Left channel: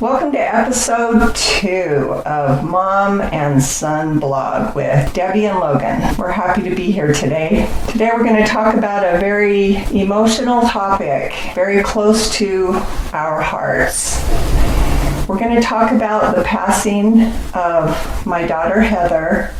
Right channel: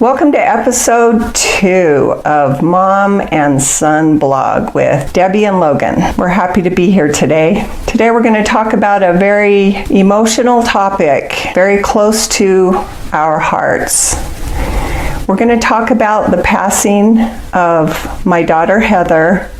Welcome to episode 2 of Mom and Son Blog with Debbie and Logan. We're happy to be here today. Today we're going to talk about a very emotional topic, very close to our hearts. We're going to talk about the passing of my daughter Heather,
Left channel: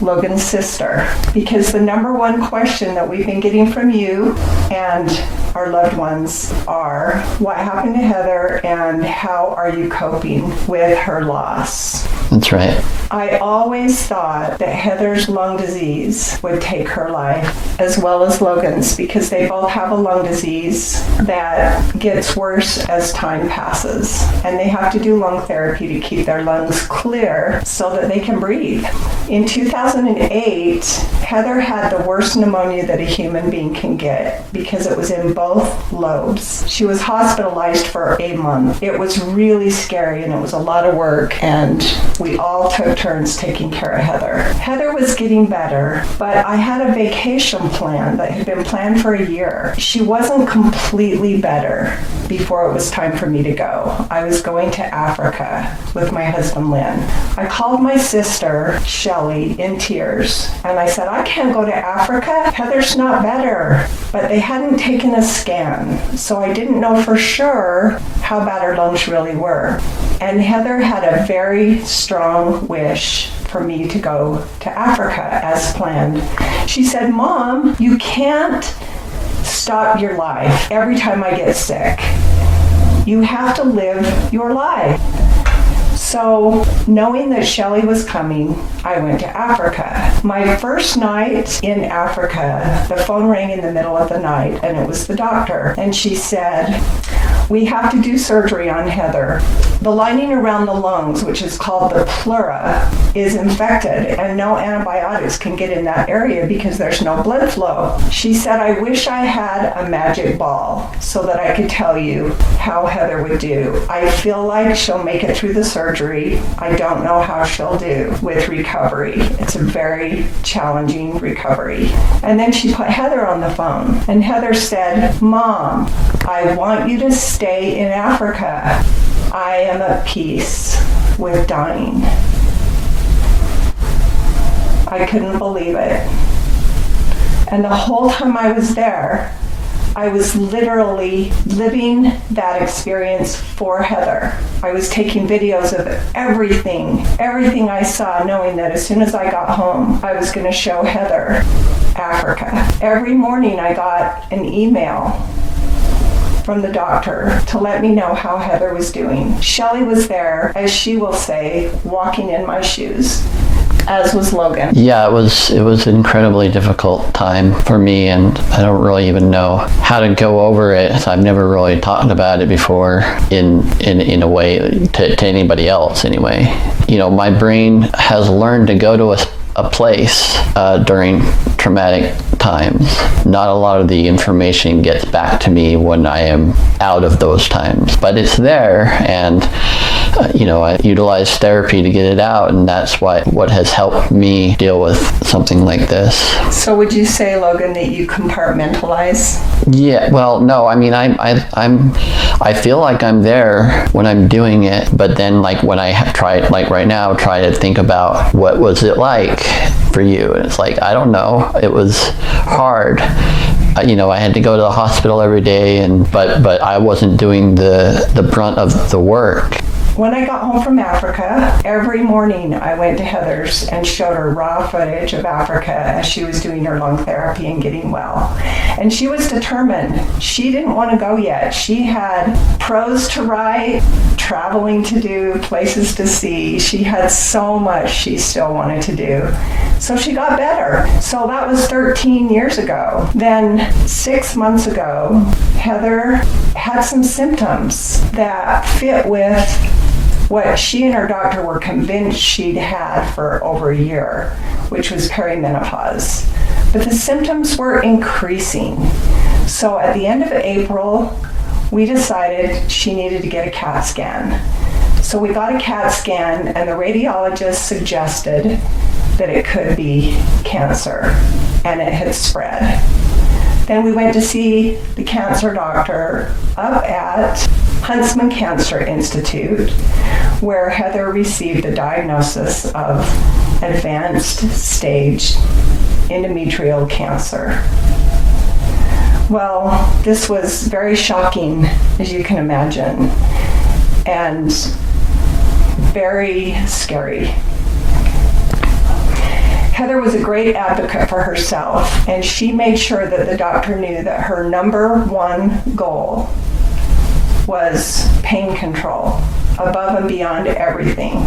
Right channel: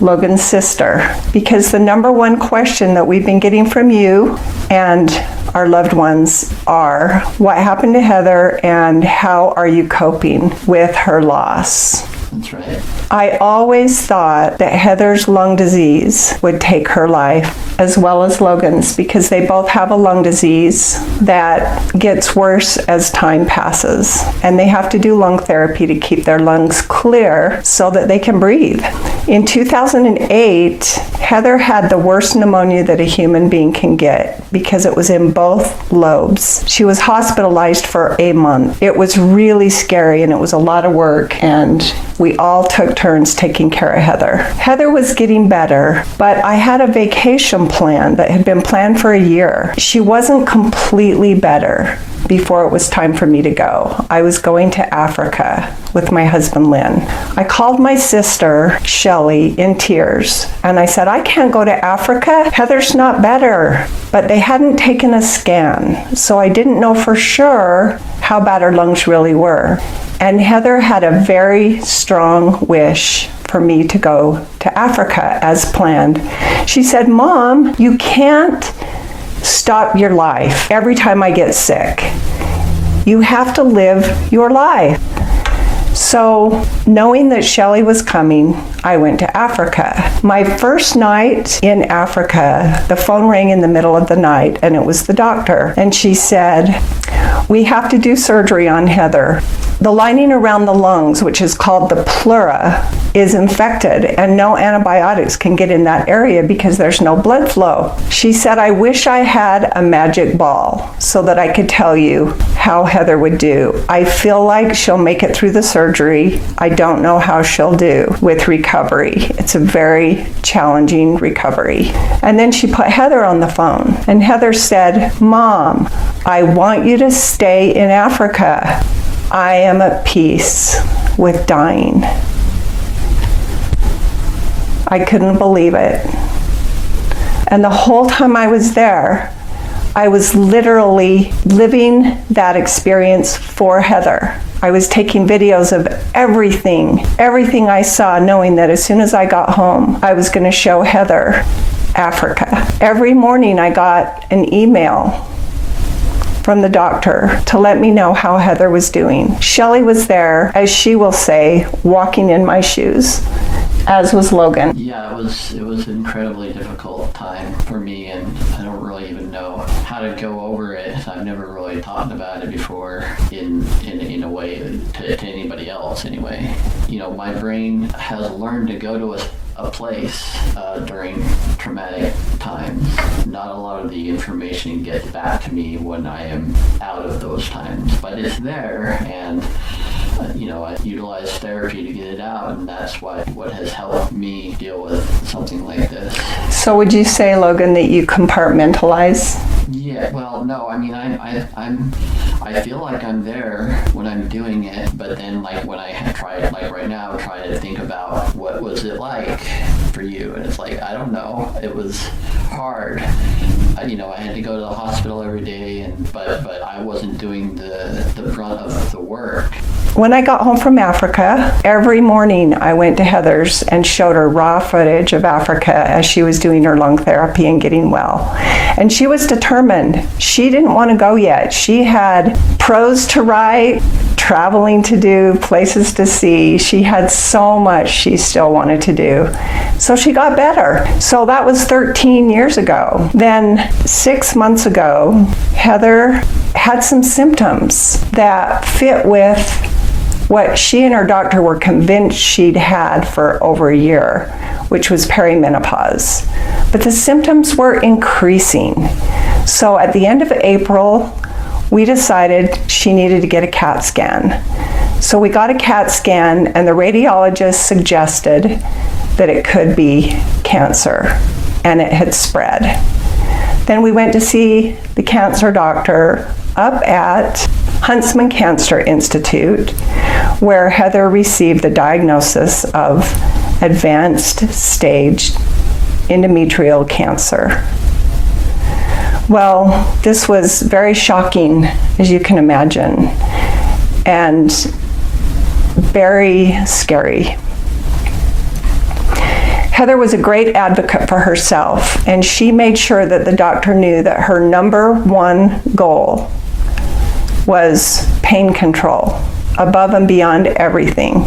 Logan's sister, because the number one question that we've been getting from you and our loved ones are, what happened to Heather and how are you coping with her loss? That's right. I always thought that Heather's lung disease would take her life, as well as Logan's, because they both have a lung disease that gets worse as time passes. And they have to do lung therapy to keep their lungs clear so that they can breathe. In 2008, Heather had the worst pneumonia that a human being can get because it was in both lobes. She was hospitalized for a month. It was really scary and it was a lot of work, and we all took turns taking care of Heather. Heather was getting better, but I had a vacation plan that had been planned for a year. She wasn't completely better before it was time for me to go. I was going to Africa with my husband, Lynn. I called my sister, Shelly, in tears, and I said, I can't go to Africa. Heather's not better. But they hadn't taken a scan, so I didn't know for sure how bad her lungs really were. And Heather had a very strong wish for me to go to Africa as planned. She said, Mom, you can't stop your life every time I get sick. You have to live your life. So, knowing that Shelly was coming, I went to Africa. My first night in Africa, the phone rang in the middle of the night, and it was the doctor. And she said, we have to do surgery on Heather. The lining around the lungs, which is called the pleura, is infected, and no antibiotics can get in that area because there's no blood flow. She said, I wish I had a magic ball so that I could tell you how Heather would do. I feel like she'll make it through the surgery. I don't know how she'll do with recovery. It's a very challenging recovery. And then she put Heather on the phone, and Heather said, Mom, I want you to stay in Africa. I am at peace with dying. I couldn't believe it. And the whole time I was there, I was literally living that experience for Heather. I was taking videos of everything I saw, knowing that as soon as I got home, I was going to show Heather Africa. Every morning I got an email from the doctor to let me know how Heather was doing. Shelly was there, as she will say, walking in my shoes, as was Logan. Yeah, it was an incredibly difficult time for me, and I don't really even know how to go over it. I've never really talked about it before in a way to anybody else anyway. You know, my brain has learned to go to a place during traumatic times. Not a lot of the information gets back to me when I am out of those times, but it's there, and I utilize therapy to get it out, and that's what has helped me deal with something like this. So would you say, Logan, that you compartmentalize? Yeah, well, no, I mean, I feel like I'm there when I'm doing it, but then like when I try, like right now, try to think about what was it like for you, and it's like, I don't know, it was hard. I had to go to the hospital every day, but I wasn't doing the brunt of the work. When I got home from Africa, every morning I went to Heather's and showed her raw footage of Africa as she was doing her lung therapy and getting well. And she was determined. She didn't want to go yet. She had prose to write, traveling to do, places to see. She had so much she still wanted to do. So she got better. So that was 13 years ago. Then 6 months ago, Heather had some symptoms that fit with what she and her doctor were convinced she'd had for over a year, which was perimenopause. But the symptoms were increasing. So at the end of April, we decided she needed to get a CAT scan. So we got a CAT scan, and the radiologist suggested that it could be cancer, and it had spread. Then we went to see the cancer doctor up at Huntsman Cancer Institute, where Heather received the diagnosis of advanced stage endometrial cancer. Well, this was very shocking, as you can imagine, and very scary. Heather was a great advocate for herself, and she made sure that the doctor knew that her number one goal was pain control, above and beyond everything.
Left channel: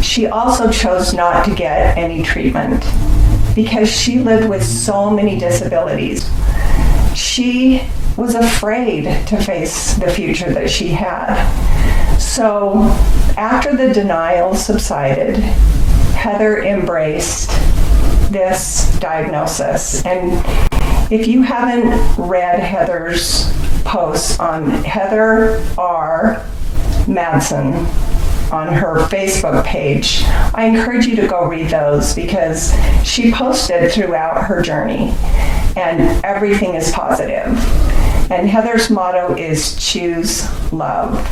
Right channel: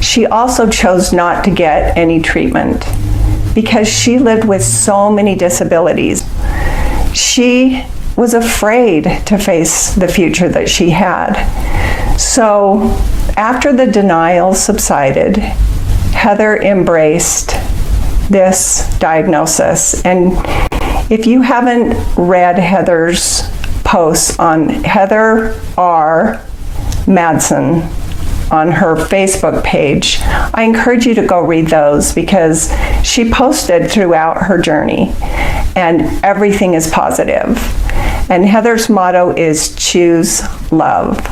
She also chose not to get any treatment because she lived with so many disabilities. She was afraid to face the future that she had. So after the denial subsided, Heather embraced this diagnosis. And if you haven't read Heather's posts on Heather R. Madsen on her Facebook page, I encourage you to go read those because she posted throughout her journey and everything is positive. And Heather's motto is choose love.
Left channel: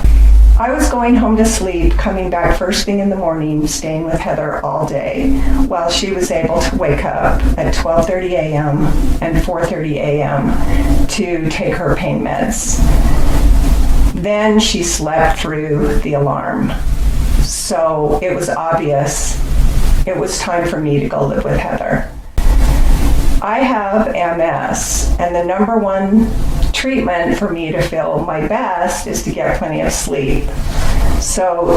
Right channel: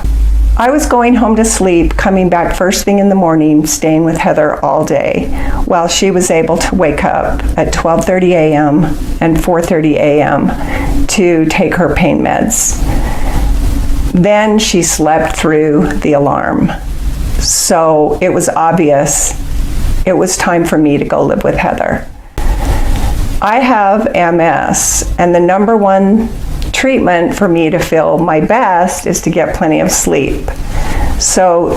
I was going home to sleep, coming back first thing in the morning, staying with Heather all day, while she was able to wake up at 12:30 a.m. and 4:30 a.m. to take her pain meds. Then she slept through the alarm. So it was obvious it was time for me to go live with Heather. I have MS, and the number one treatment for me to feel my best is to get plenty of sleep. So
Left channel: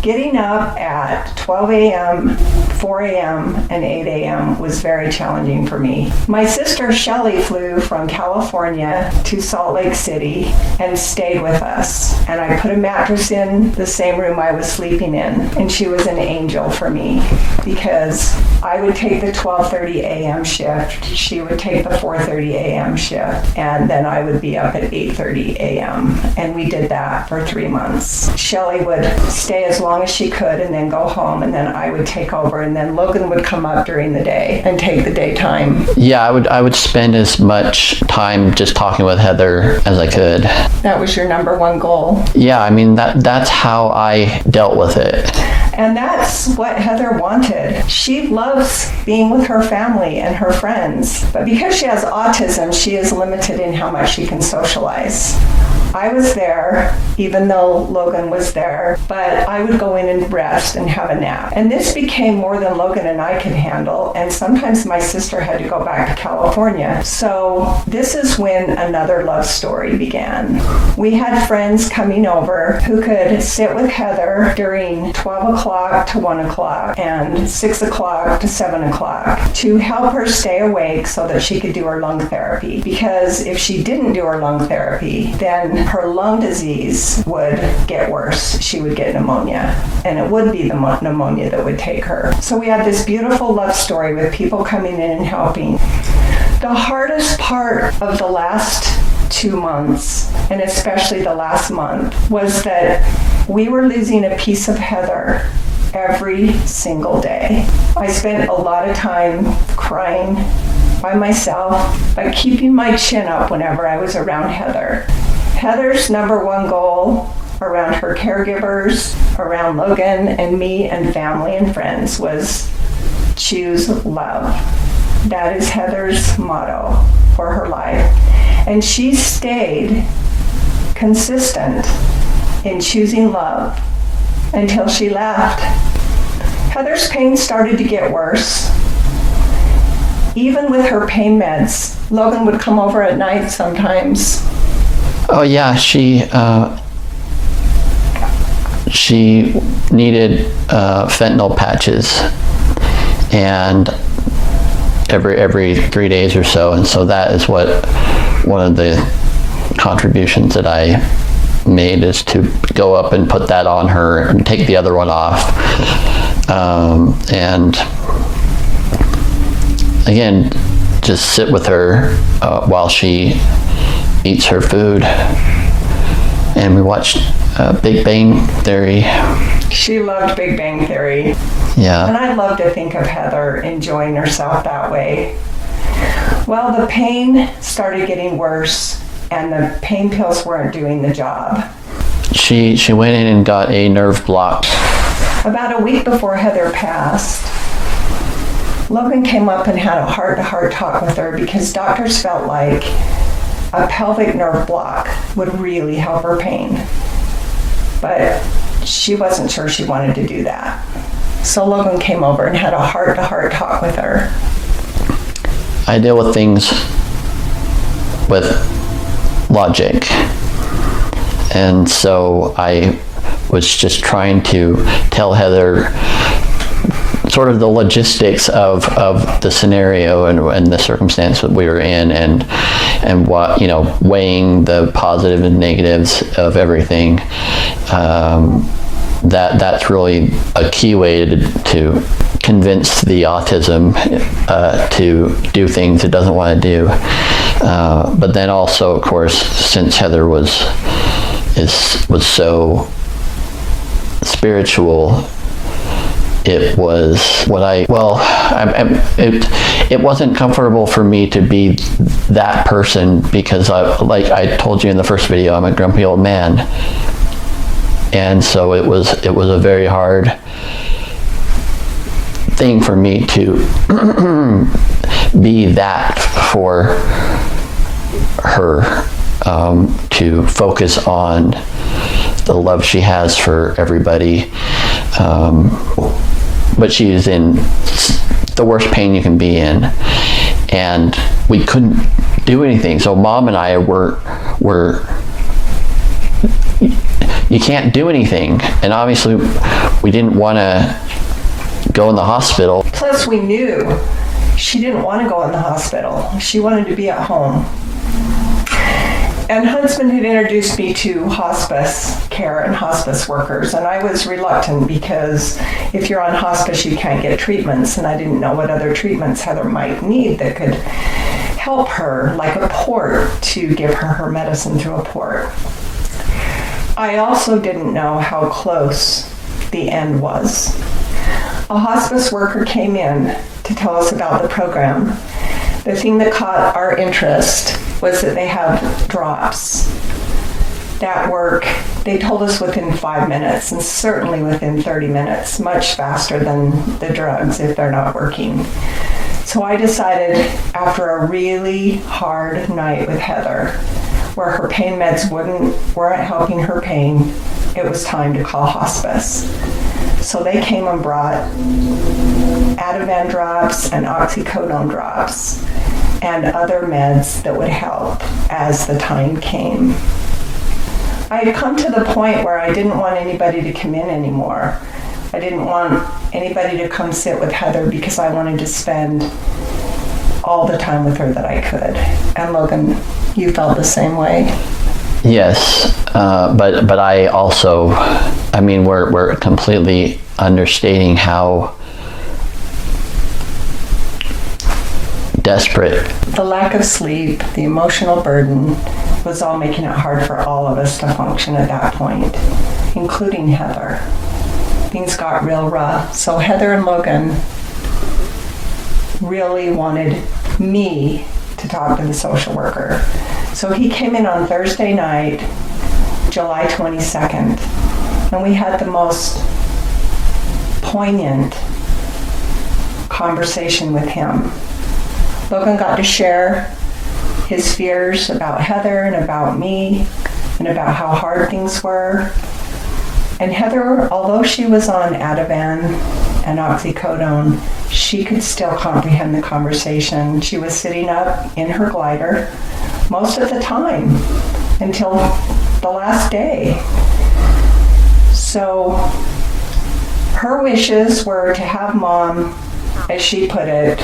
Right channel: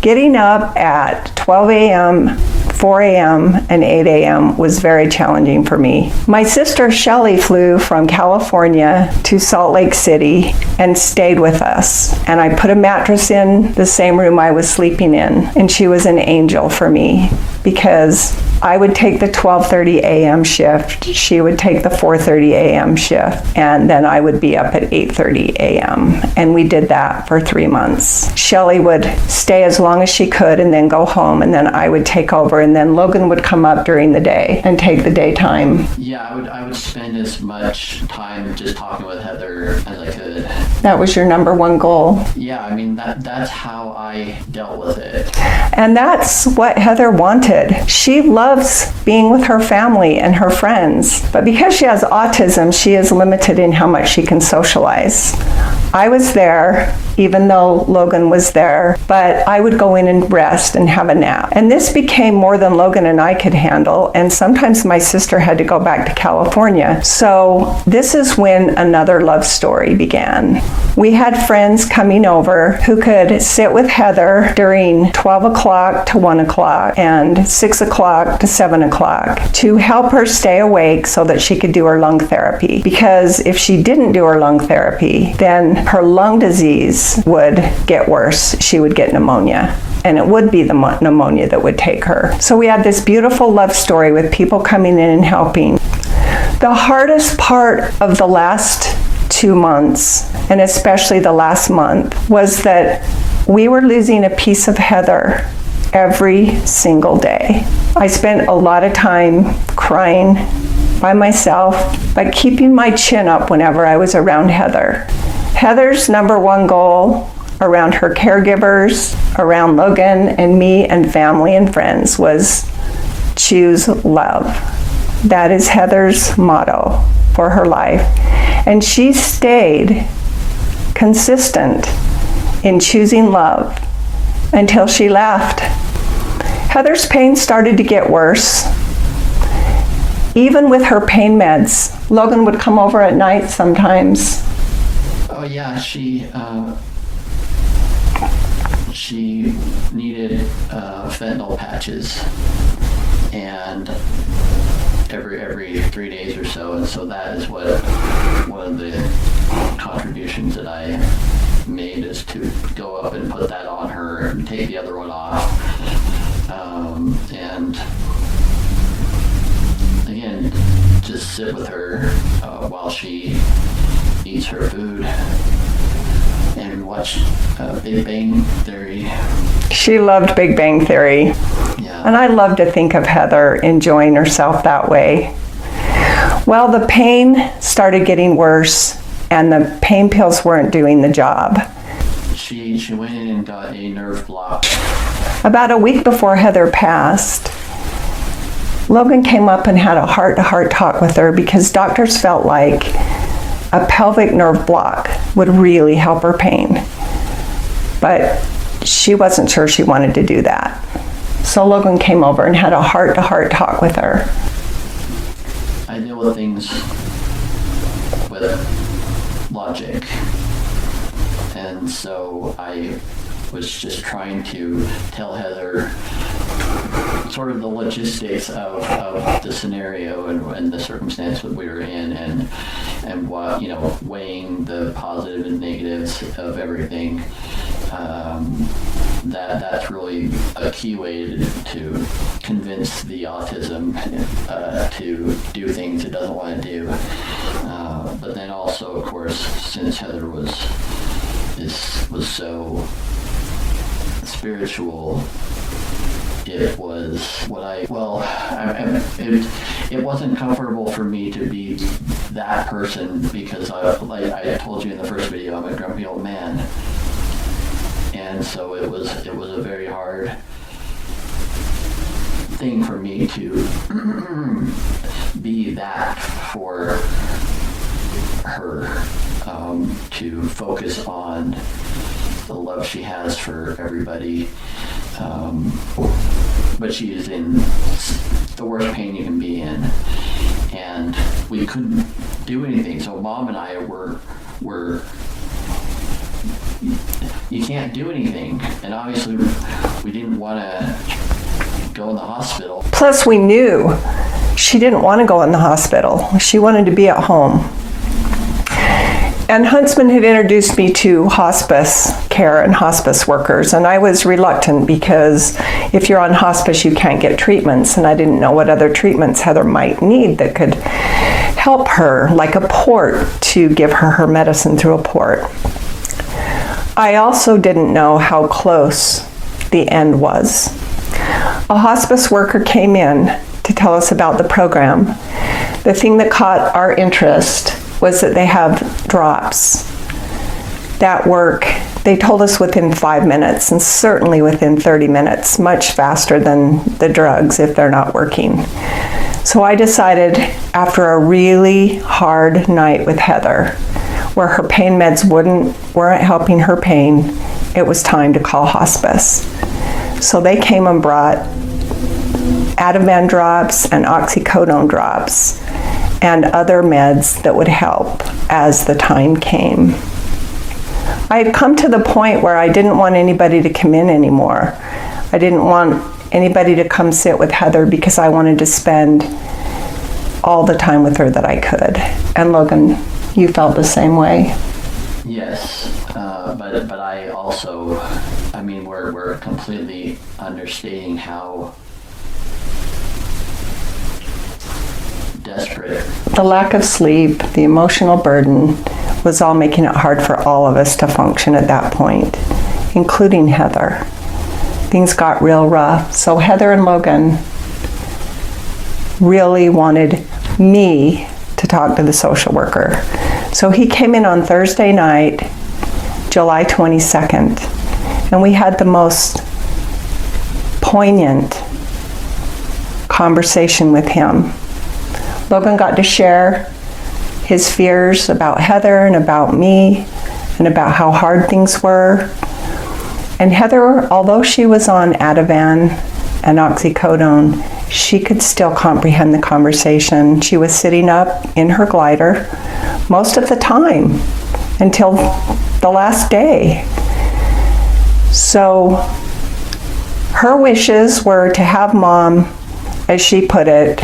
getting up at 12 a.m., 4 a.m., and 8 a.m. was very challenging for me. My sister Shelley flew from California to Salt Lake City and stayed with us. And I put a mattress in the same room I was sleeping in. And she was an angel for me because I would take the 12:30 a.m. shift, she would take the 4:30 a.m. shift, and then I would be up at 8:30 a.m. And we did that for 3 months. Shelley would stay as long as she could and then go home, and then I would take over, and then Logan would come up during the day and take the daytime. Yeah, I would spend as much time just talking with Heather as I could. That was your number one goal. Yeah, I mean, that's how I dealt with it. And that's what Heather wanted. She loves being with her family and her friends, but because she has autism, she is limited in how much she can socialize. I was there, even though Logan was there, but I would go in and rest and have a nap. And this became more than Logan and I could handle, and sometimes my sister had to go back to California. So this is when another love story began. We had friends coming over who could sit with Heather during 12 o'clock to 1 o'clock and 6 o'clock to 7 o'clock to help her stay awake so that she could do her lung therapy. Because if she didn't do her lung therapy, then her lung disease would get worse. She would get pneumonia, and it would be the pneumonia that would take her. So we had this beautiful love story with people coming in and helping. The hardest part of the last 2 months, and especially the last month, was that we were losing a piece of Heather every single day. I spent a lot of time crying by myself, but keeping my chin up whenever I was around Heather. Heather's number one goal around her caregivers, around Logan and me and family and friends was choose love. That is Heather's motto for her life. And she stayed consistent in choosing love until she left. Heather's pain started to get worse. Even with her pain meds, Logan would come over at night sometimes. Oh yeah, she needed fentanyl patches, and every 3 days or so, and so that is what one of the contributions that I made is to go up and put that on her and take the other one off, and again just sit with her while she eats her food, and we watched Big Bang Theory. She loved Big Bang Theory. Yeah. And I love to think of Heather enjoying herself that way. Well, the pain started getting worse, and the pain pills weren't doing the job. She went in and got a nerve block. About a week before Heather passed, Logan came up and had a heart-to-heart talk with her because doctors felt like a pelvic nerve block would really help her pain. But she wasn't sure she wanted to do that. So Logan came over and had a heart-to-heart talk with her. I deal with things with logic. And so I was just trying to tell Heather sort of the logistics of the scenario and the circumstance that we were in, and what, weighing the positives and negatives of everything. That's really a key way to convince the autism to do things it doesn't want to do. But then also, of course, since Heather was so spiritual, it was it wasn't comfortable for me to be that person, because like I told you in the first video, I'm a grumpy old man. And so it was a very hard thing for me to be that for her, to focus on the love she has for everybody. But she is in the worst pain you can be in, and we couldn't do anything. So Mom and I were you can't do anything, and obviously we didn't want to go in the hospital. Plus, we knew she didn't want to go in the hospital. She wanted to be at home. And Huntsman had introduced me to hospice care and hospice workers, and I was reluctant because if you're on hospice, you can't get treatments, and I didn't know what other treatments Heather might need that could help her, like a port, to give her medicine through a port. I also didn't know how close the end was. A hospice worker came in to tell us about the program. The thing that caught our interest was that they have drops that work, they told us, within 5 minutes, and certainly within 30 minutes, much faster than the drugs if they're not working. So I decided, after a really hard night with Heather, where her pain meds weren't helping her pain, it was time to call hospice. So they came and brought Ativan drops and oxycodone drops and other meds that would help as the time came. I had come to the point where I didn't want anybody to come in anymore. I didn't want anybody to come sit with Heather because I wanted to spend all the time with her that I could. And Logan, you felt the same way? Yes, but I also, we're completely understating how desperate. The lack of sleep, the emotional burden was all making it hard for all of us to function at that point, including Heather. Things got real rough. So Heather and Logan really wanted me to talk to the social worker. So he came in on Thursday night, July 22nd, and we had the most poignant conversation with him. Logan got to share his fears about Heather and about me and about how hard things were. And Heather, although she was on Ativan and oxycodone, she could still comprehend the conversation. She was sitting up in her glider most of the time until the last day. So her wishes were to have Mom, as she put it,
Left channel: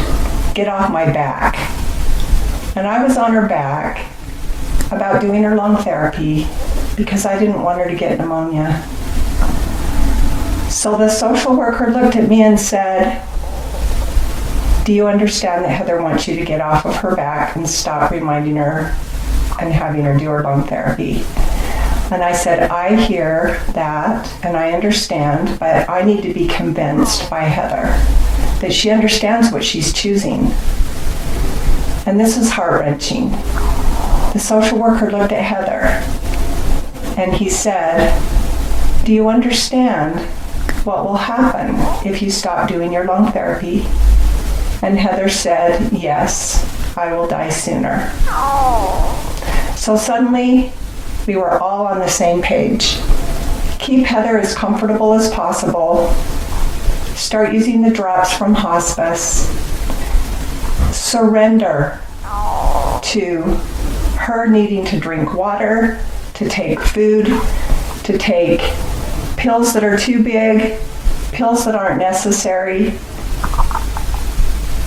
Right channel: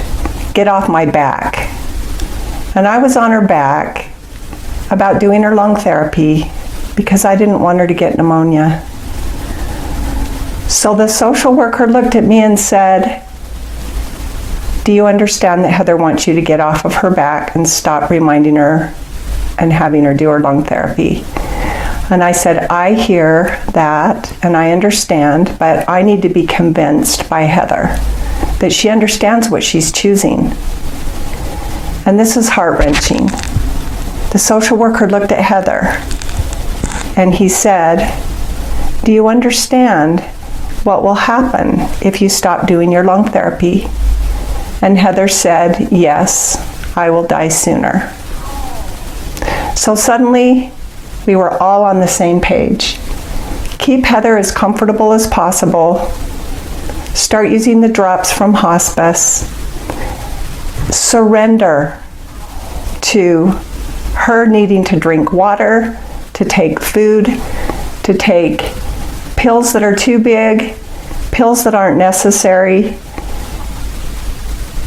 get off my back. And I was on her back about doing her lung therapy because I didn't want her to get pneumonia. So the social worker looked at me and said, "Do you understand that Heather wants you to get off of her back and stop reminding her and having her do her lung therapy?" And I said, "I hear that and I understand, but I need to be convinced by Heather that she understands what she's choosing." And this is heart-wrenching. The social worker looked at Heather and he said, "Do you understand what will happen if you stop doing your lung therapy?" And Heather said, "Yes, I will die sooner." So suddenly, we were all on the same page. Keep Heather as comfortable as possible. Start using the drops from hospice. Surrender to her needing to drink water, to take food, to take pills that are too big, pills that aren't necessary.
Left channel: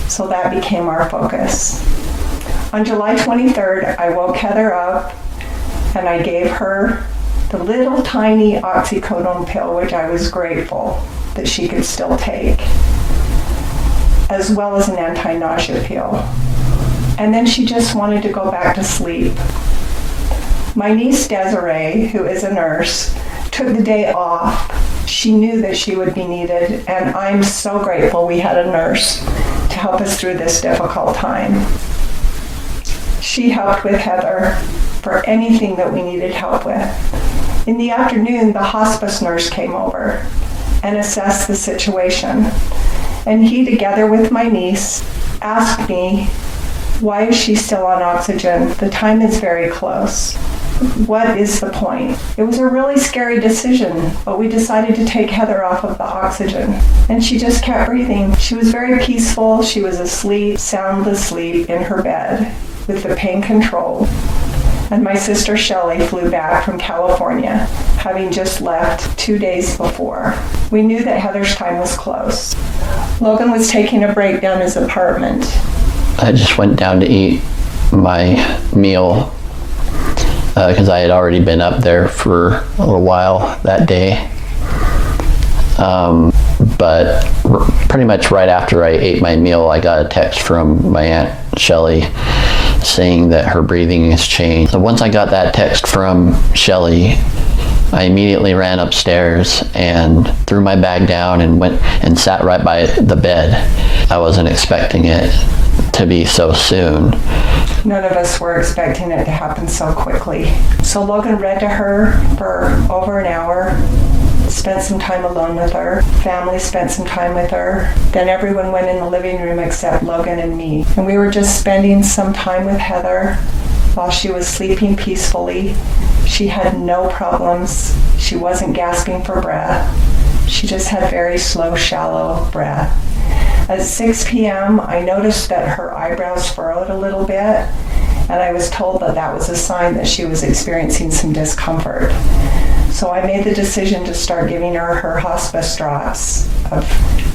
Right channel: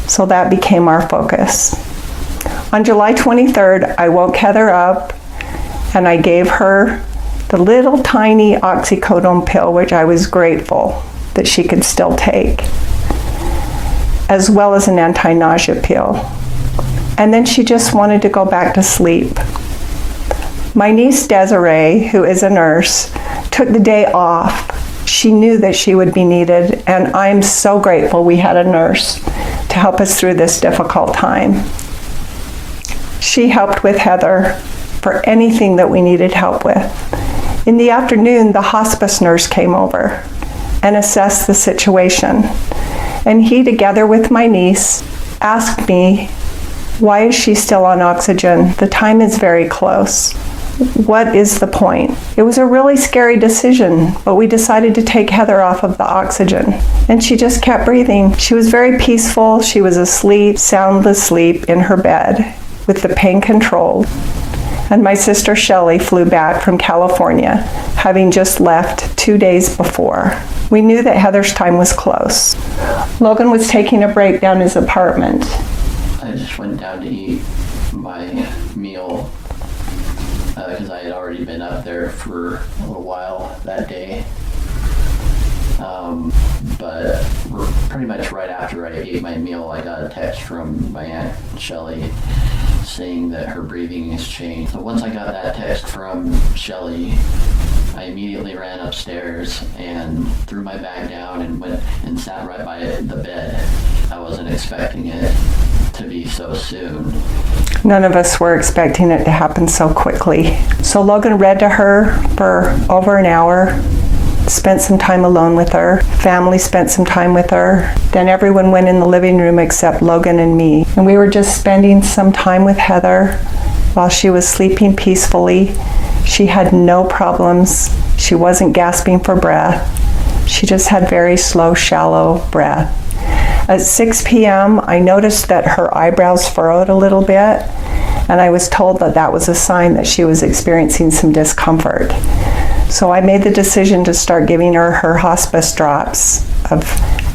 So that became our focus. On July 23rd, I woke Heather up and I gave her the little tiny oxycodone pill, which I was grateful that she could still take, as well as an anti-nausea pill. And then she just wanted to go back to sleep. My niece Desiree, who is a nurse, took the day off. She knew that she would be needed, and I'm so grateful we had a nurse to help us through this difficult time. She helped with Heather for anything that we needed help with. In the afternoon, the hospice nurse came over and assessed the situation. And he, together with my niece, asked me, "Why is she still on oxygen? The time is very close. What is the point?" It was a really scary decision, but we decided to take Heather off of the oxygen. And she just kept breathing. She was very peaceful. She was asleep, sound asleep in her bed with the pain controlled. And my sister Shelley flew back from California, having just left 2 days before. We knew that Heather's time was close. Logan was taking a break down his apartment. I just went down to eat my meal because I had already been up there for a little while that day. But pretty much right after I ate my meal, I got a text from my Aunt Shelley saying that her breathing has changed. So once I got that text from Shelley, I immediately ran upstairs and threw my bag down and went and sat right by the bed. I wasn't expecting it to be so soon. None of us were expecting it to happen so quickly. So Logan read to her for over an hour, spent some time alone with her. Family spent some time with her. Then everyone went in the living room except Logan and me. And we were just spending some time with Heather while she was sleeping peacefully. She had no problems. She wasn't gasping for breath. She just had very slow, shallow breath. At 6 p.m., I noticed that her eyebrows furrowed a little bit, and I was told that that was a sign that she was experiencing some discomfort. So I made the decision to start giving her hospice drops of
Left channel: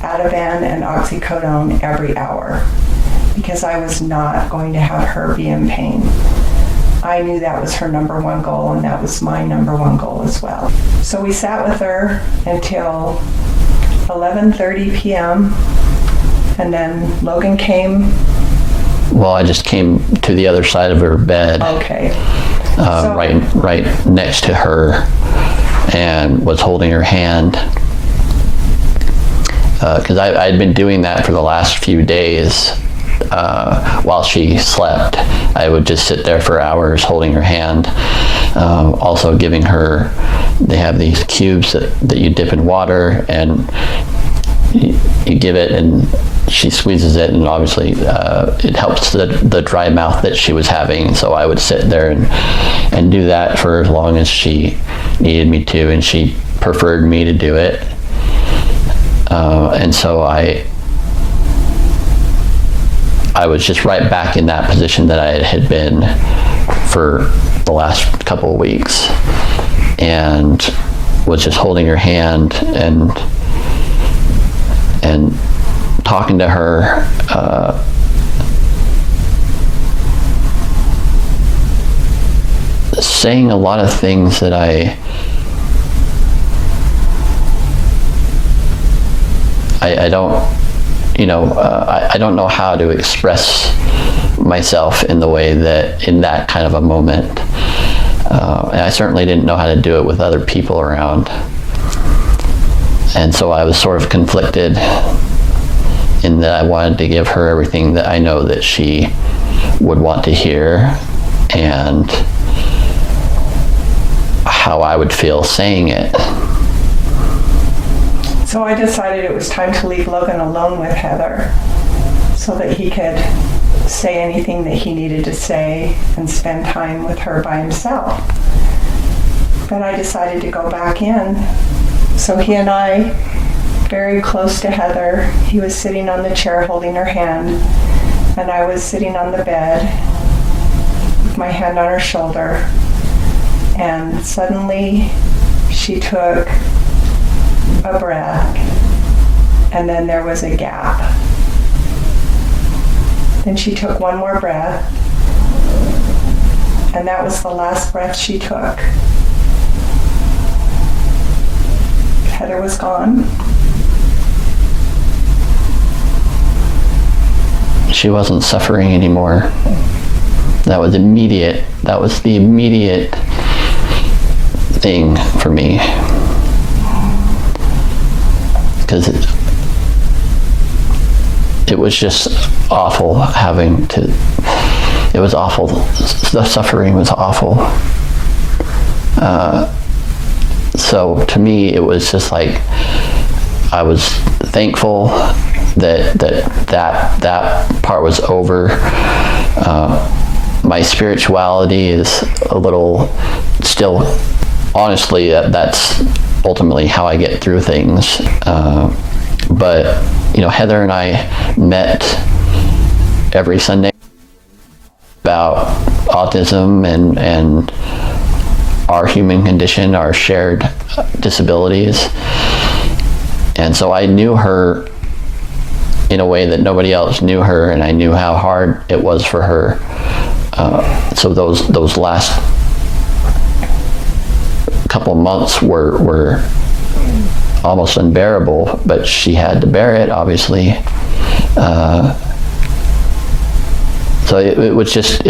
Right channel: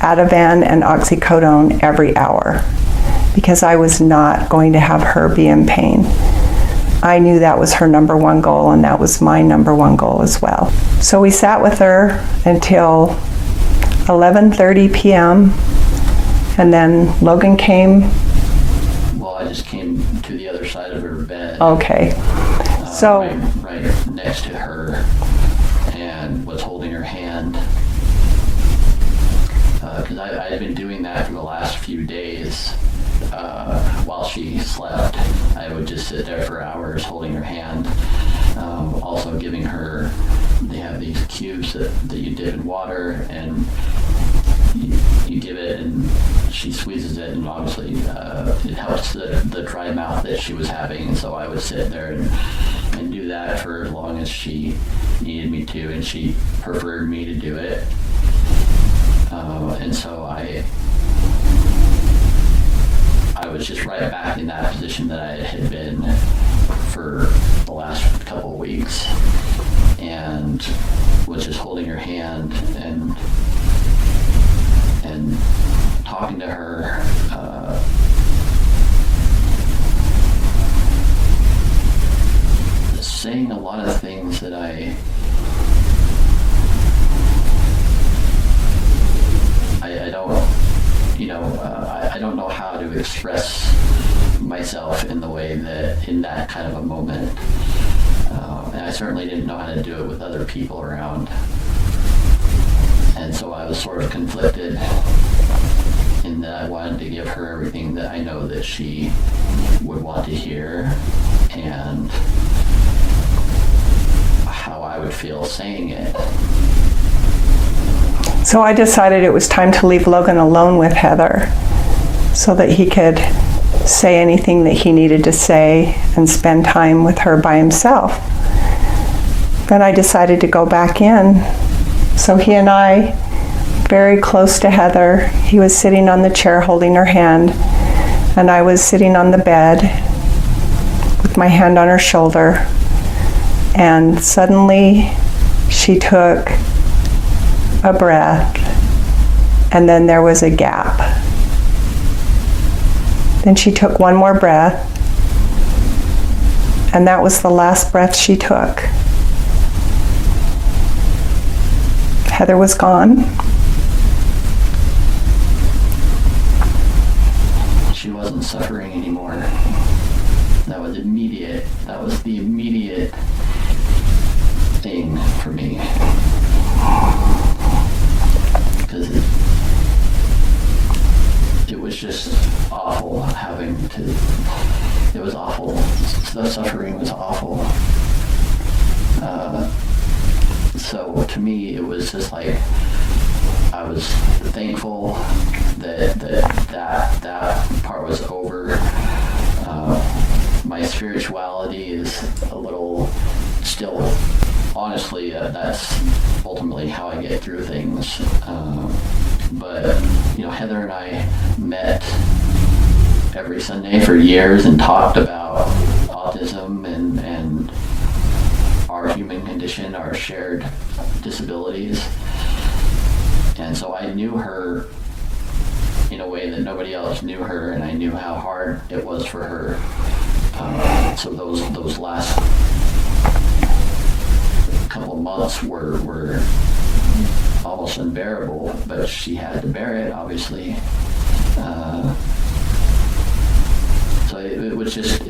Ativan and oxycodone every hour because I was not going to have her be in pain. I knew that was her number one goal, and that was my number one goal as well. So we sat with her until 11:30 p.m. and then Logan came. Well, I just came to the other side of her bed. Okay. Right next to her, and was holding her hand. Because I'd been doing that for the last few days. While she slept, I would just sit there for hours holding her hand. Also giving her, they have these cubes that you dip in water, and you give it and she squeezes it, and obviously it helps the dry mouth that she was having. So I would sit there and do that for as long as she needed me to, and she preferred me to do it. And so I was just right back in that position that I had been for the last couple of weeks, and was just holding her hand and talking to her. Saying a lot of things that I don't, I don't know how to express myself in the way that, in that kind of a moment. And I certainly didn't know how to do it with other people around. And so I was sort of conflicted in that I wanted to give her everything that I know that she would want to hear. and how I would feel saying it. So I decided it was time to leave Logan alone with Heather so that he could say anything that he needed to say and spend time with her by himself. Then I decided to go back in. So he and I, very close to Heather, he was sitting on the chair holding her hand, and I was sitting on the bed with my hand on her shoulder. And suddenly she took a breath, and then there was a gap. Then she took one more breath, and that was the last breath she took. Heather was gone. She wasn't suffering anymore. That was immediate. That was the immediate thing for me. Because it was just awful having to, it was awful. The suffering was awful. So to me, it was just like, I was thankful that part was over. My spirituality is a little still, honestly, that's ultimately how I get through things. But, you know, Heather and I met every Sunday for years and talked about autism and our human condition, our shared disabilities. And so I knew her in a way that nobody else knew her, and I knew how hard it was for her. So those last couple of months were almost unbearable, but she had to bear it, obviously. So it was just,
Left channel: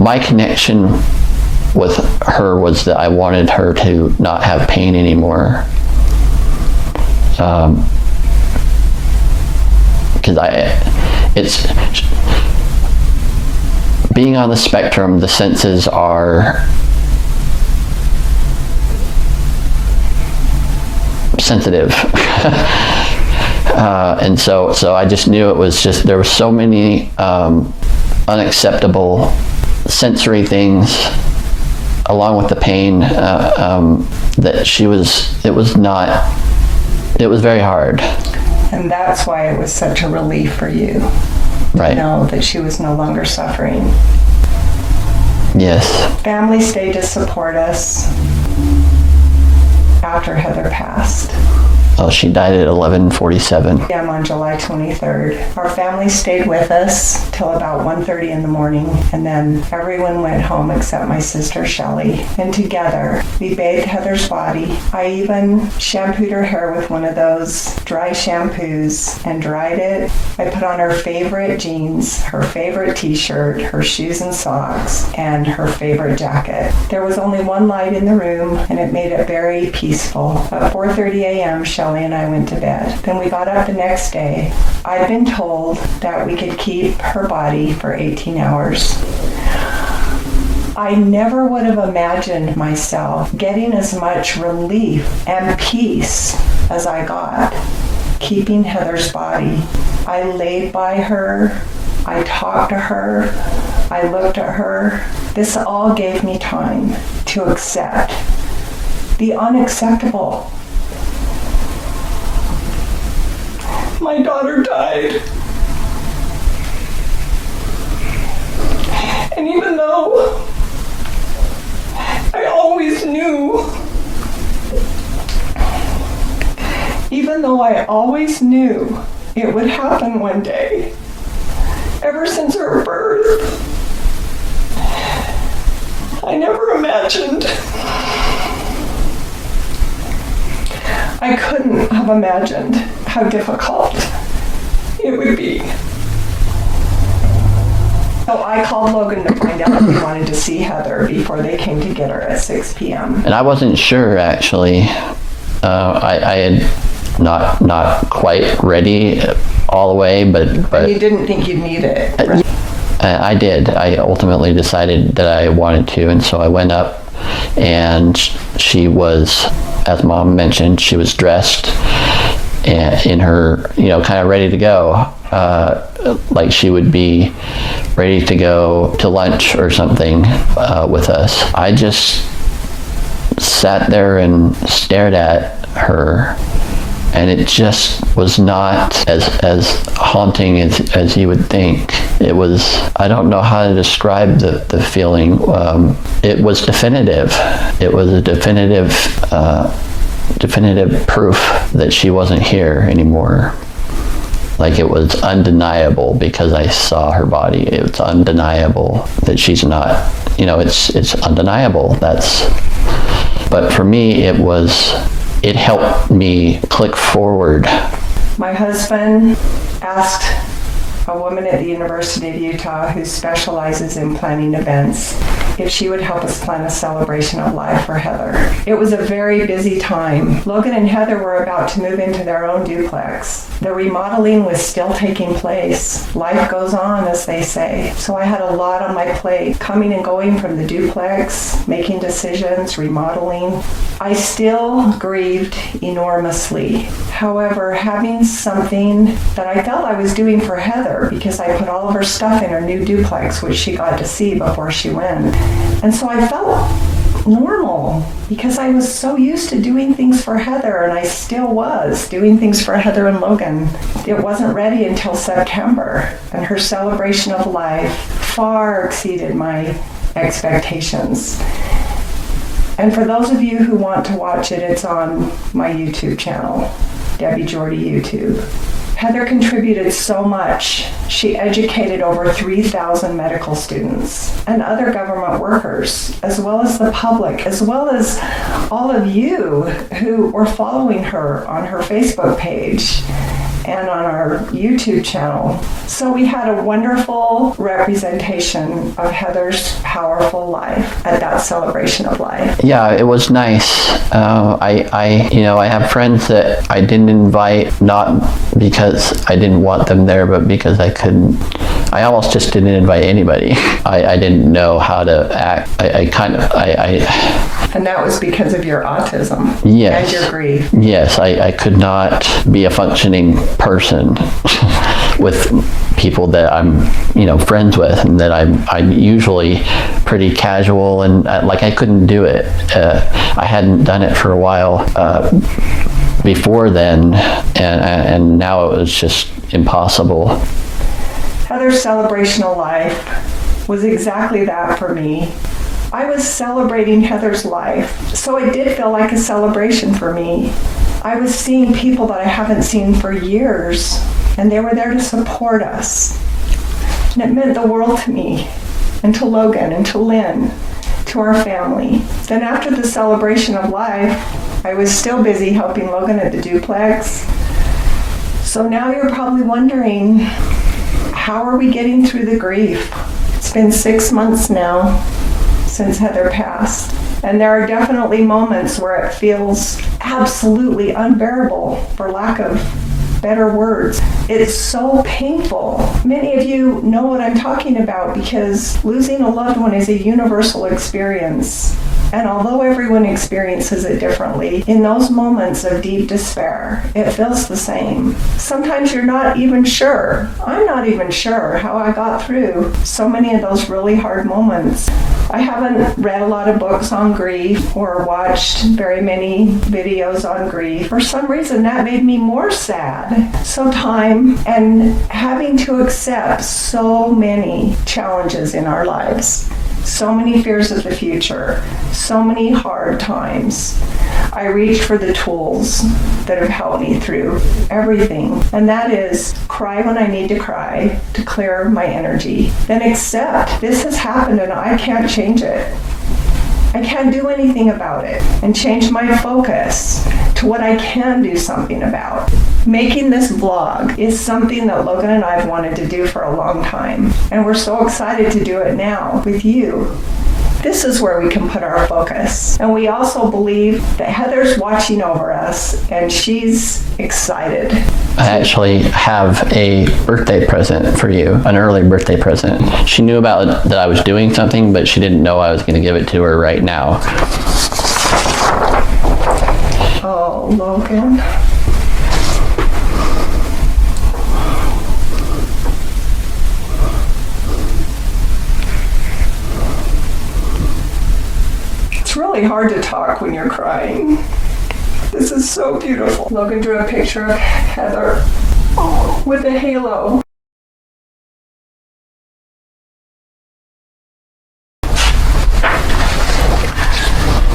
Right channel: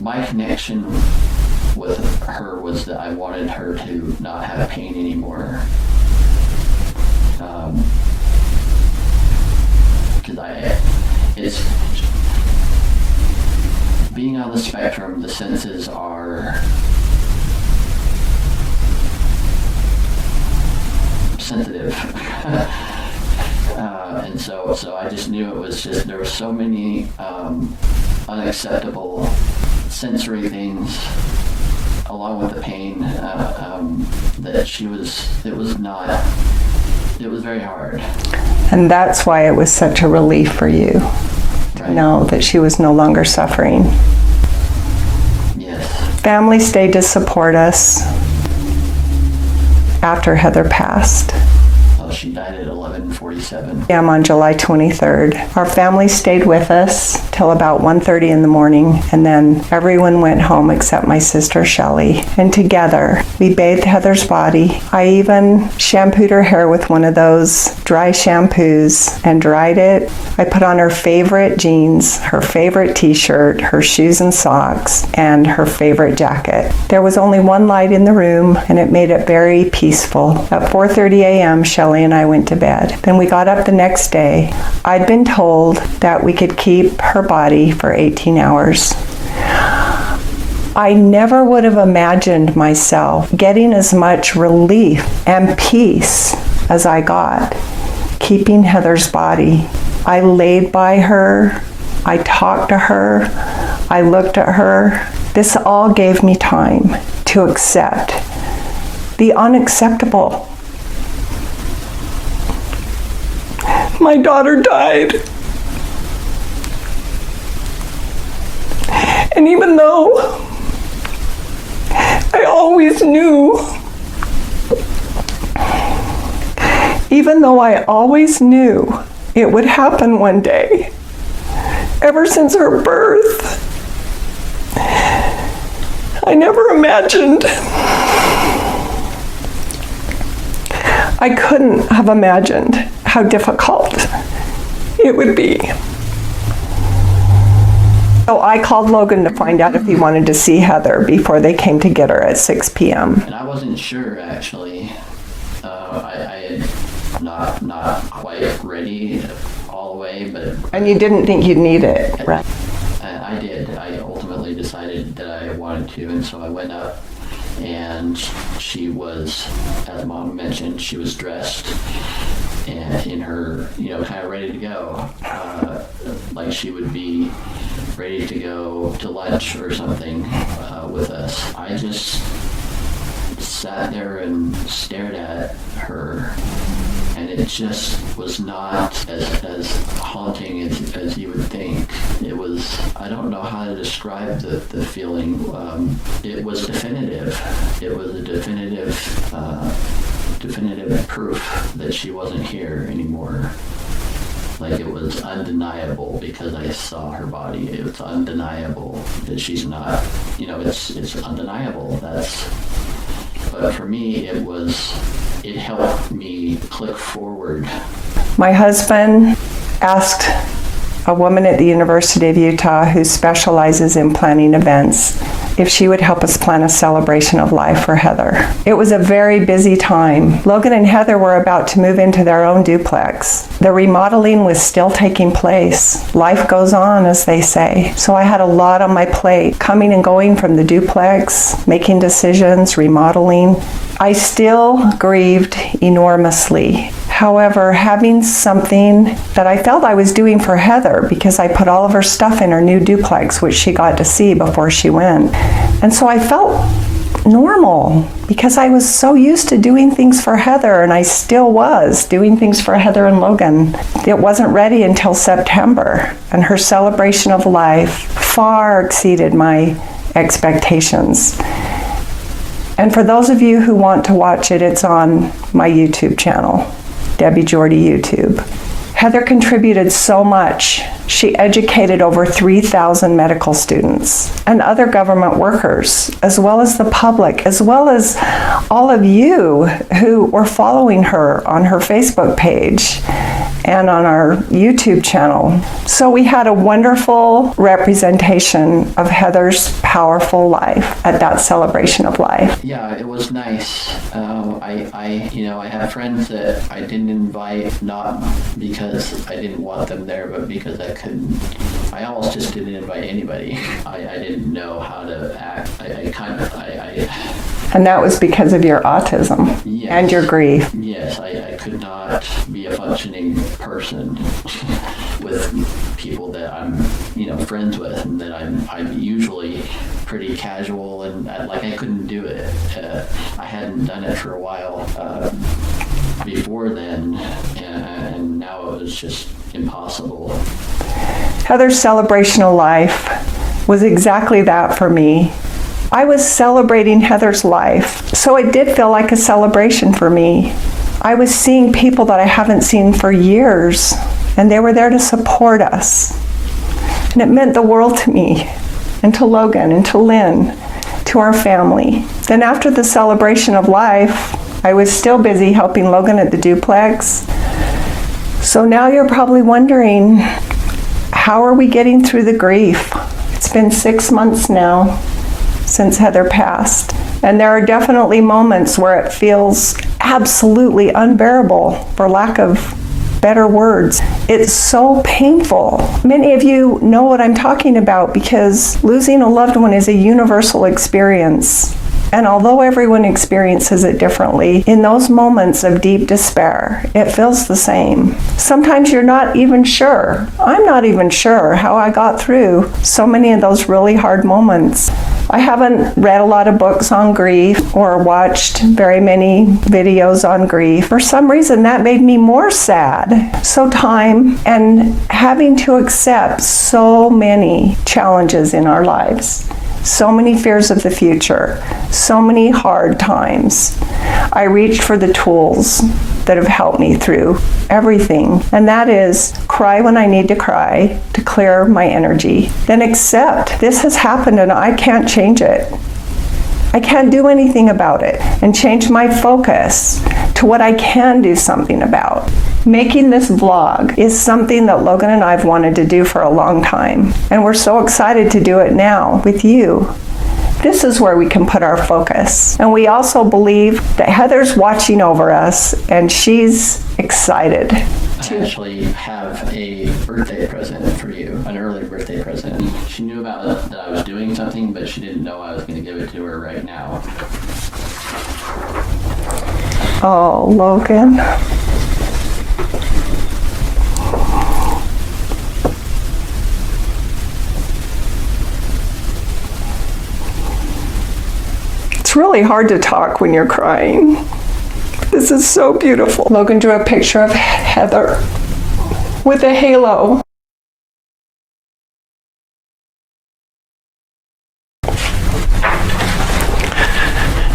my connection with her was that I wanted her to not have pain anymore. Because it's being on the spectrum, the senses are sensitive. And so I just knew it was just, there were so many unacceptable sensory things along with the pain that it was very hard. And that's why it was such a relief for you to know that she was no longer suffering. Yes. Family stayed to support us after Heather passed. Oh, she died at 11:47. Yeah, on July 23rd. Our family stayed with us till about 1:30 in the morning, and then everyone went home except my sister Shelley. And together, we bathed Heather's body. I even shampooed her hair with one of those dry shampoos and dried it. I put on her favorite jeans, her favorite t-shirt, her shoes and socks, and her favorite jacket. There was only one light in the room, and it made it very peaceful. At 4:30 a.m., Shelley and I went to bed. Then we got up the next day. I'd been told that we could keep her body for 18 hours. I never would have imagined myself getting as much relief and peace as I got keeping Heather's body. I laid by her. I talked to her. I looked at her. This all gave me time to accept the unacceptable. My daughter died. And even though I always knew it would happen one day, ever since her birth, I never imagined. I couldn't have imagined how difficult it would be. So I called Logan to find out if he wanted to see Heather before they came to get her at 6 p.m. And I wasn't sure, actually. I had not quite ready all the way, but And you didn't think you'd need it, right? I did. I ultimately decided that I wanted to, and so I went up, and she was, as Mom mentioned, she was dressed and in her, kind of ready to go, like she would be ready to go to lunch or something with us. I just sat there and stared at her, and it just was not as haunting as you would think. It was, I don't know how to describe the feeling. It was definitive. It was a definitive proof that she wasn't here anymore. Like, it was undeniable because I saw her body. It's undeniable that she's not, it's undeniable. But for me, it helped me click forward. My husband asked a woman at the University of Utah who specializes in planning events if she would help us plan a celebration of life for Heather. It was a very busy time. Logan and Heather were about to move into their own duplex. The remodeling was still taking place. Life goes on, as they say. So I had a lot on my plate, coming and going from the duplex, making decisions, remodeling. I still grieved enormously. However, having something that I felt I was doing for Heather, because I put all of her stuff in her new duplex, which she got to see before she went. And so I felt normal because I was so used to doing things for Heather, and I still was doing things for Heather and Logan. It wasn't ready until September, and her celebration of life far exceeded my expectations. And for those of you who want to watch it, it's on my YouTube channel, Debbie Jorde YouTube. Heather contributed so much. She educated over 3,000 medical students and other government workers, as well as the public, as well as all of you who were following her on her Facebook page and on our YouTube channel. So we had a wonderful representation of Heather's powerful life at that celebration of life. Yeah, it was nice. I have friends that I didn't invite, not because I didn't want them there, but because I couldn't. I almost just didn't invite anybody. I didn't know how to act. And that was because of your autism. Yes. And your grief. Yes, I could not be a functioning person with people that I'm, friends with, and that I'm usually pretty casual, and I couldn't do it. I hadn't done it for a while before then, and now it was just impossible. Heather's celebration of life was exactly that for me. I was celebrating Heather's life, so it did feel like a celebration for me. I was seeing people that I haven't seen for years, and they were there to support us. And it meant the world to me, and to Logan, and to Lynn, to our family. Then after the celebration of life, I was still busy helping Logan at the duplex. So now you're probably wondering, how are we getting through the grief? It's been 6 months now since Heather passed. And there are definitely moments where it feels absolutely unbearable, for lack of better words. It's so painful. Many of you know what I'm talking about, because losing a loved one is a universal experience. And although everyone experiences it differently, in those moments of deep despair, it feels the same. Sometimes you're not even sure. I'm not even sure how I got through so many of those really hard moments. I haven't read a lot of books on grief or watched very many videos on grief. For some reason, that made me more sad. So time and having to accept so many challenges in our lives. So many fears of the future, so many hard times. I reached for the tools that have helped me through everything, and that is cry when I need to cry to clear my energy. Then accept this has happened and I can't change it. I can't do anything about it, and change my focus to what I can do something about. Making this vlog is something that Logan and I have wanted to do for a long time, and we're so excited to do it now with you. this is where we can put our focus. And we also believe that Heather's watching over us and she's excited. I actually have a birthday present for you, an early birthday present. She knew about that I was doing something, but she didn't know I was going to give it to her right now. Oh, Logan. It's really hard to talk when you're crying. This is so beautiful. Logan drew a picture of Heather with a halo.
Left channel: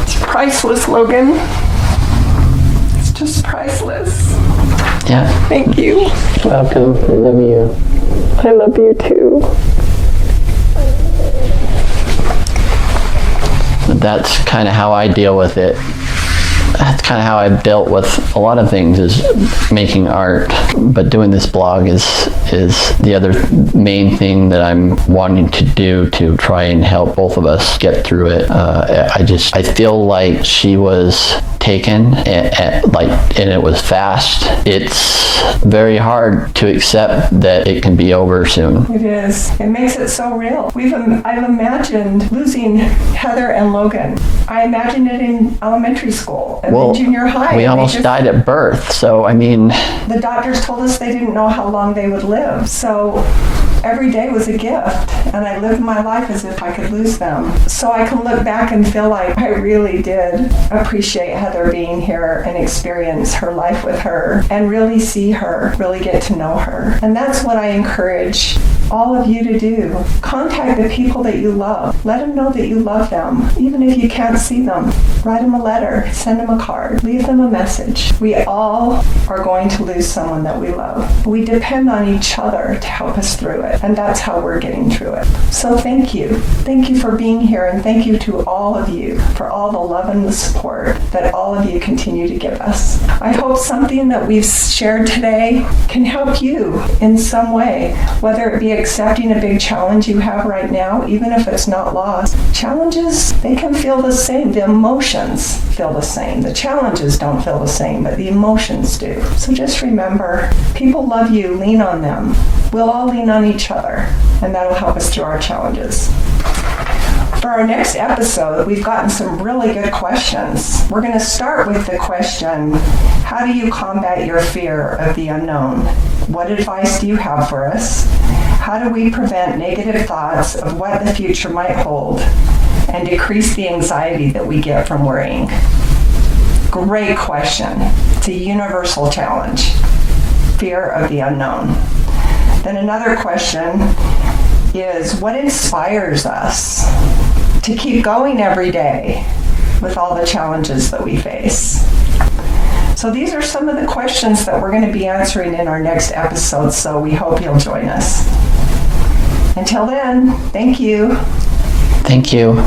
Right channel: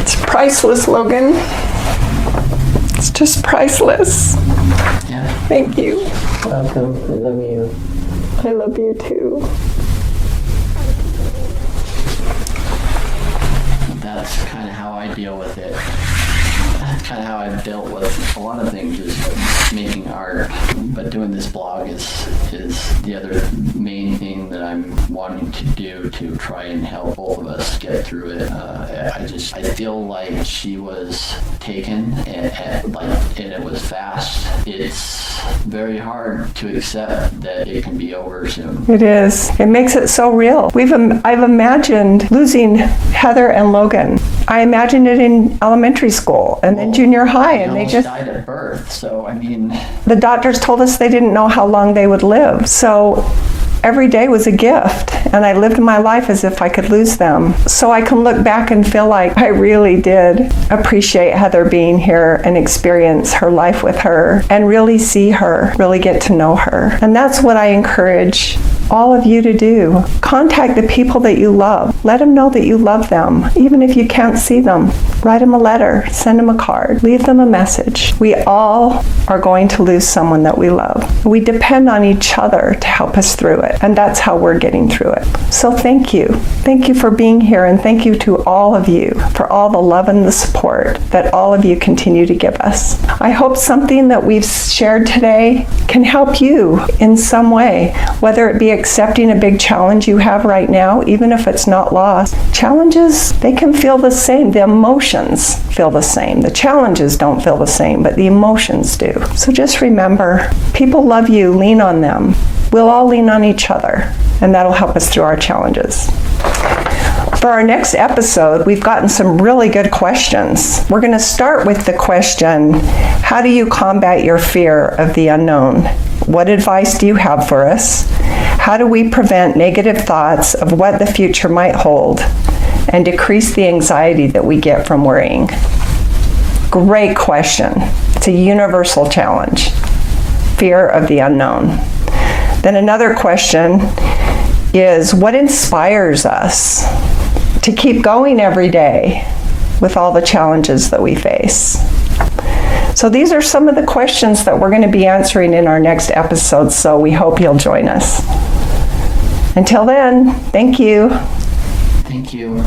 It's priceless, Logan. It's just priceless. Yeah. Thank you. Welcome. I love you. I love you too. That's kind of how I deal with it. That's kind of how I've dealt with a lot of things, is making art. But doing this blog is the other main thing that I'm wanting to do to try and help both of us get through it. I feel like she was taken and it was fast. It's very hard to accept that it can be over soon. It is. It makes it so real. I've imagined losing Heather and Logan. I imagined it in elementary school and then junior high. We almost died at birth, so I mean... The doctors told us they didn't know how long they would live, so every day was a gift, and I lived my life as if I could lose them. So I can look back and feel like I really did appreciate Heather being here and experience her life with her and really see her, really get to know her. And that's what I encourage all of you to do. Contact the people that you love. Let them know that you love them, even if you can't see them. Write them a letter, send them a card, leave them a message. We all are going to lose someone that we love. We depend on each other to help us through it, and that's how we're getting through it. So thank you. Thank you for being here, and thank you to all of you for all the love and the support that all of you continue to give us. I hope something that we've shared today can help you in some way, whether it be accepting a big challenge you have right now, even if it's not lost. Challenges, they can feel the same. The emotions feel the same. The challenges don't feel the same, but the emotions do. So just remember, people love you. Lean on them. We'll all lean on each other, and that'll help us through our challenges. For our next episode, we've gotten some really good questions. We're going to start with the question, how do you combat your fear of the unknown? What advice do you have for us? How do we prevent negative thoughts of what the future might hold and decrease the anxiety that we get from worrying? Great question. It's a universal challenge. Fear of the unknown. Then another question is, what inspires us to keep going every day with all the challenges that we face? So these are some of the questions that we're going to be answering in our next episode, so we hope you'll join us. Until then, thank you. Thank you.